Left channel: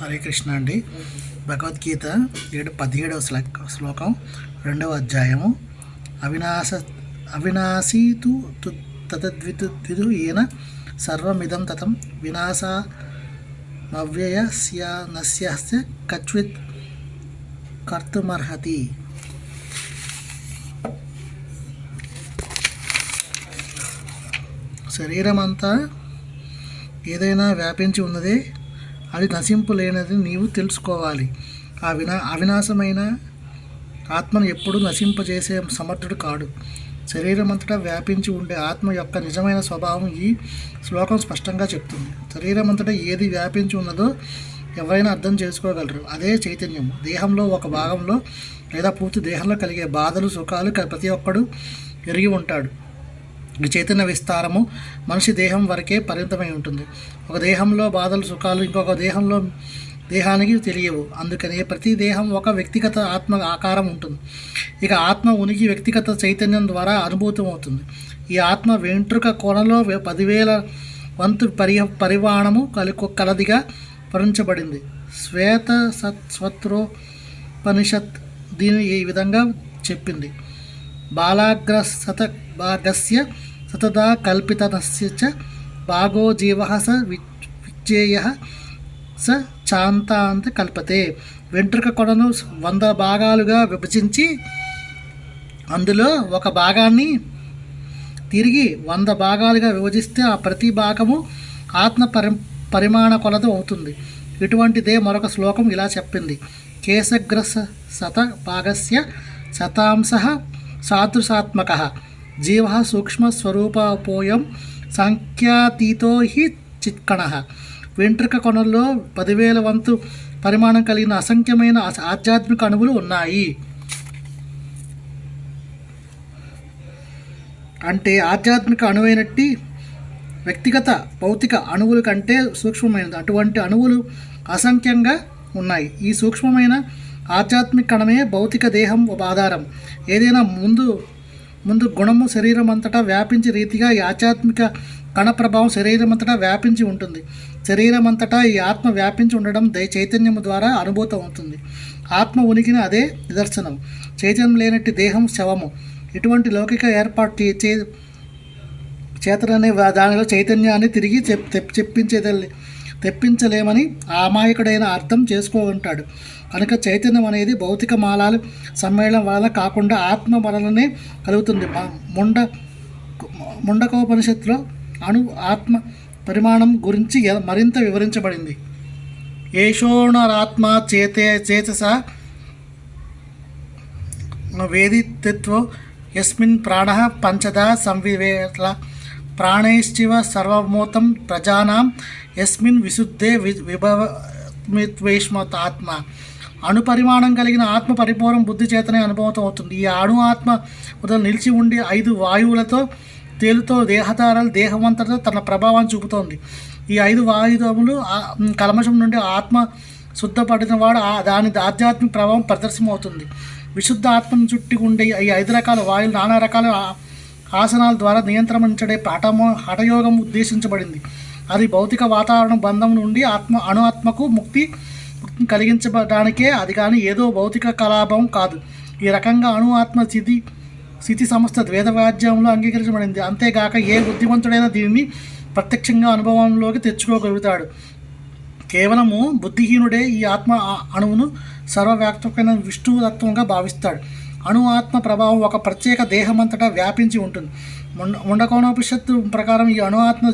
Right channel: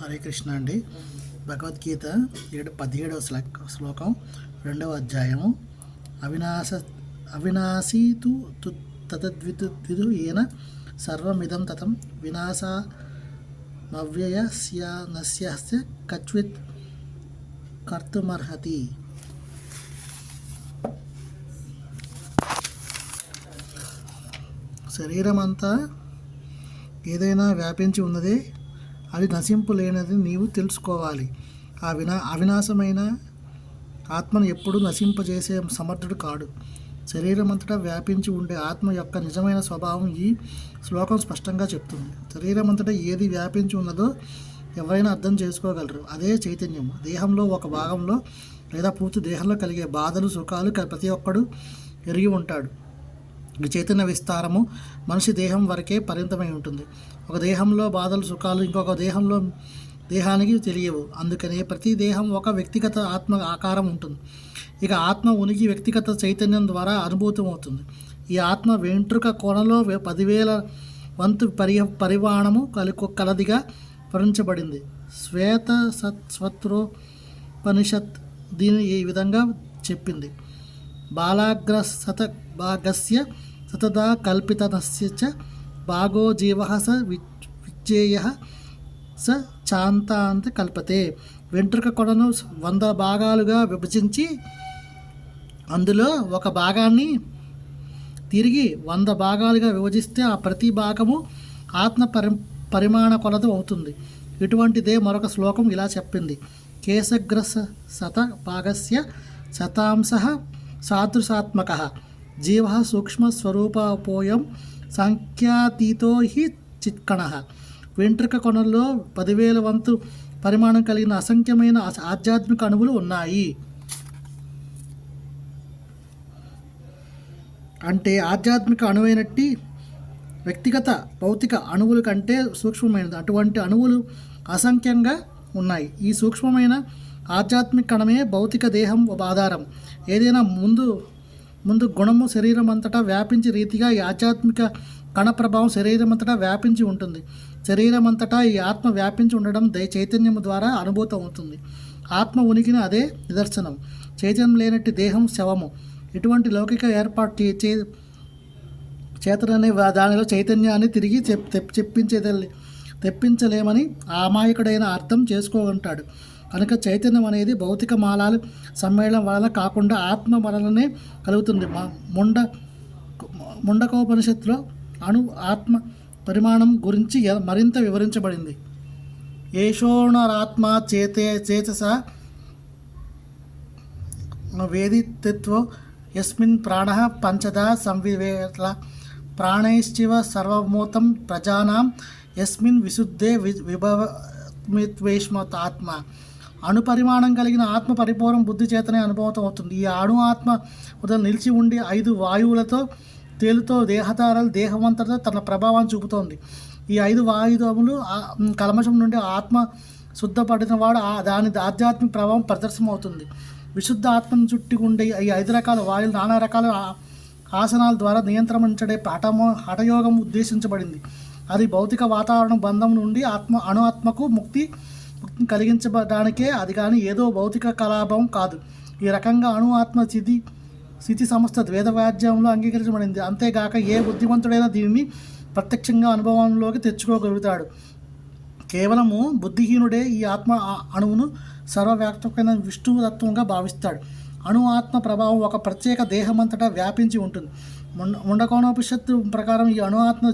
హరే కృష్ణ అండి. భగవద్గీత 17వ శ్లోకం 2వ అధ్యాయము. అవినాశీతు తద్విదు ఏన సర్వమిదం తతం వినాశమవ్యయస్య కచ్విత్ కర్తుమర్హతి. శరీరమంతా ఏదైనా వ్యాపించి ఉన్నదే, అది నశింపు లేనిది నీవు తెలుసుకోవాలి. అవినాశమైన ఆత్మను ఎప్పుడూ నశింపజేసే సమర్థుడు కాడు. శరీరం అంతటా వ్యాపించి ఉండే ఆత్మ యొక్క నిజమైన స్వభావం ఈ శ్లోకం స్పష్టంగా చెప్తుంది. శరీరం అంతటా ఏది వ్యాపించి ఉన్నదో ఎవరైనా అర్థం చేసుకోగలరు. అదే చైతన్యం. దేహంలో ఒక భాగంలో లేదా పూర్తి దేహంలో కలిగే బాధలు సుఖాలు ప్రతి ఒక్కడు ఎరిగి ఉంటాడు. ఈ చైతన్య విస్తారము మనిషి దేహం వరకే పరిమితమై ఉంటుంది. ఒక దేహంలో బాధలు సుఖాలు ఇంకొక దేహానికి తెలియవు. అందుకనే ప్రతి దేహం ఒక వ్యక్తిగత ఆత్మ ఆకారం ఉంటుంది. ఇక ఆత్మ ఉనికి వ్యక్తిగత చైతన్యం ద్వారా అనుభూతం అవుతుంది. ఈ ఆత్మ వెంట్రుక కొనలో 10,000 వంతు పరిమాణము కలదిగా వర్ణించబడింది. శ్వేతసత్రోపనిషత్ దీని ఈ విధంగా చెప్పింది. బాలాగ్ర భాగస్య సతదా కల్పితనస్య చ భాగో జీవ స విచ్చేయ స చాంతాంత కల్పతే. వెంట్రుక కొనను 100 భాగాలుగా విభజించి అందులో ఒక భాగాన్ని తిరిగి 100 భాగాలుగా విభజిస్తే ఆ ప్రతి భాగము ఆత్మ పరిమాణ కొలత అవుతుంది. ఇటువంటిదే మరొక శ్లోకం ఇలా చెప్పింది. కేశగ్రస శత భాగస్య శతాంశ సాదృశాత్మక జీవ సూక్ష్మస్వరూపోయం సంఖ్యాతీతో హి చిత్కణ. వెంట్రుక కొనల్లో 10,000 వంతు పరిమాణం కలిగిన అసంఖ్యమైన ఆధ్యాత్మిక అణువులు ఉన్నాయి. అంటే ఆధ్యాత్మిక అణువైనట్టి వ్యక్తిగత భౌతిక అణువుల కంటే సూక్ష్మమైనది. అటువంటి అణువులు అసంఖ్యంగా ఉన్నాయి. ఈ సూక్ష్మమైన ఆధ్యాత్మిక కణమే భౌతిక దేహం ఆధారం. ఏదైనా ముందు గుణము శరీరం అంతటా వ్యాపించే రీతిగా ఈ ఆధ్యాత్మిక కణ ప్రభావం శరీరం అంతటా వ్యాపించి ఉంటుంది. శరీరం అంతటా ఈ ఆత్మ వ్యాపించి ఉండడం చైతన్యము ద్వారా అనుభూతం అవుతుంది. ఆత్మ ఉనికిని అదే నిదర్శనం. చైతన్యం లేనట్టి దేహం శవము. ఇటువంటి లౌకిక ఏర్పాటు చేతననే దానిలో చైతన్యాన్ని తిరిగి తెప్పించలేమని అమాయకుడైన అర్థం చేసుకోగంటాడు. కనుక చైతన్యం అనేది భౌతిక మాలాలు సమ్మేళనం వలన కాకుండా ఆత్మ వలననే కలుగుతుంది. ముండకోపనిషత్తులో ఆత్మ పరిమాణం గురించి మరింత వివరించబడింది. ఏషోణరాత్మ చేతస వేదిత్వ యస్మిన్ ప్రాణ పంచదా సంవివేల ప్రాణైశ్చివ సర్వమూతం ప్రజానాం యస్మిన్ విశుద్ధే విభవమిత్వేష్మత ఆత్మ. అణుపరిమాణం కలిగిన ఆత్మ పరిపూర్ణ బుద్ధి చేతనే అనుభవం అవుతుంది. ఈ అణు ఆత్మ ఉదయం నిలిచి ఉండి 5 వాయువులతో తేలుతో దేహధారాలు దేహమంతటా తన ప్రభావాన్ని చూపుతోంది. ఈ 5 వాయుధములు కల్మషం నుండి ఆత్మ శుద్ధపడిన వాడు దాని ఆధ్యాత్మిక ప్రభావం ప్రదర్శనమవుతుంది. విశుద్ధ ఆత్మను చుట్టి ఉండే ఈ 5 రకాల వాయువులు నానా రకాల ఆసనాల ద్వారా నియంత్రించడే హఠయోగం ఉద్దేశించబడింది. అది భౌతిక వాతావరణ బంధం నుండి అణు ఆత్మకు ముక్తి కలిగించడానికే, అది కానీ ఏదో భౌతిక కలాపం కాదు. ఈ రకంగా అణు ఆత్మ స్థితి సమస్త వేదవాద్యంలో అంగీకరించబడింది. అంతేగాక ఏ బుద్ధిమంతుడైనా దీనిని ప్రత్యక్షంగా అనుభవంలోకి తెచ్చుకోగలుగుతాడు. కేవలము బుద్ధిహీనుడే ఈ ఆత్మ అణువును సర్వవ్యాప్తమైన విష్ణుతత్వంగా భావిస్తాడు. అణు ఆత్మ ప్రభావం ఒక ప్రత్యేక దేహమంతటా వ్యాపించి ఉంటుంది. ముండకోనోపనిషత్తు ప్రకారం ఈ అణు ఆత్మ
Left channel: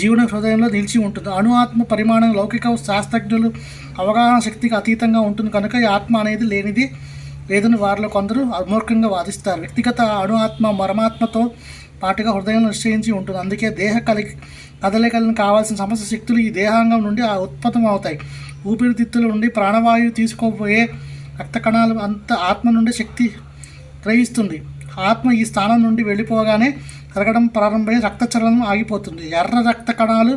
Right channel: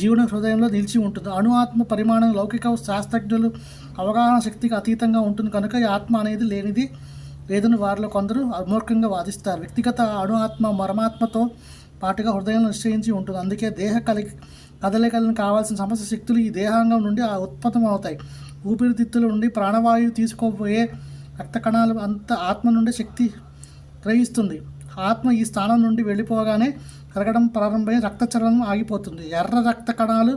జీవన హృదయంలో నిలిచి ఉంటుంది. అణు ఆత్మ పరిమాణం లౌకిక శాస్త్రజ్ఞులు అవగాహన శక్తికి అతీతంగా ఉంటుంది. కనుక ఈ ఆత్మ అనేది లేదని వారిలో కొందరు అమూర్ఖంగా వాదిస్తారు. వ్యక్తిగత అణు ఆత్మ పరమాత్మతో పాటుగా హృదయంలో నిశ్చయించి ఉంటుంది. అందుకే దేహ కదలికలను కావాల్సిన సమస్త శక్తులు ఈ దేహాంగం నుండి ఉత్పత్తం అవుతాయి. ఊపిరితిత్తుల నుండి ప్రాణవాయువు తీసుకోబోయే రక్త కణాలు అంత ఆత్మ నుండి శక్తి గ్రహిస్తుంది. ఆత్మ ఈ స్థానం నుండి వెళ్ళిపోగానే కరగడం ప్రారంభమై రక్తచలనం ఆగిపోతుంది. ఎర్ర రక్త కణాలు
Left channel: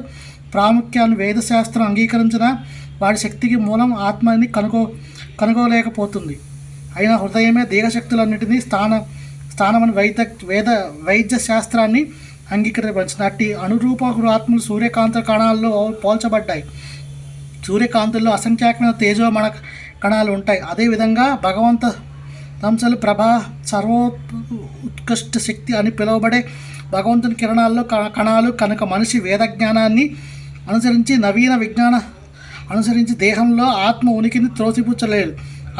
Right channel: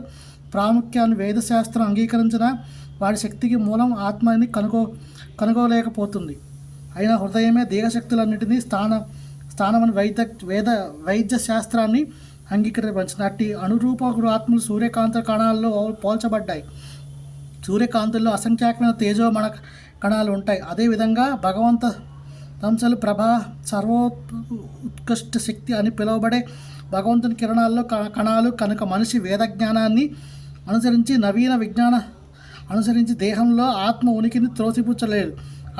ప్రాముఖ్యాన్ని వేదశాస్త్రం అంగీకరించిన వాడి శక్తికి మూలం ఆత్మని కనుగోలేకపోతుంది. అయినా హృదయమే దేహశక్తులన్నింటినీ స్థానమని వైద్య శాస్త్రాన్ని అంగీకరించిన అట్టి అనురూప ఆత్మలు సూర్యకాంత కణాల్లో పోల్చబడ్డాయి. సూర్యకాంతుల్లో అసంఖ్యాకమైన తేజోమణ కణాలు ఉంటాయి. అదేవిధంగా భగవంత అంశాలు ప్రభా ఉత్కృష్ట శక్తి అని పిలువబడే భగవంతుని కిరణాల్లో కణాలు కనుక మనిషి వేదజ్ఞానాన్ని అనుసరించి నవీన విజ్ఞాన అనుసరించి దేహంలో ఆత్మ ఉనికిని త్రోసిపుచ్చలేదు.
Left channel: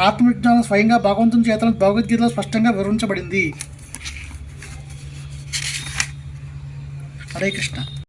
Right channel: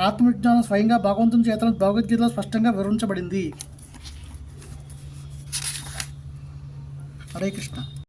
ఆత్మవిజ్ఞానం స్వయంగా భగవంతుని చేతన భగవద్గీతలో స్పష్టంగా వివరించబడింది. హరే కృష్ణ.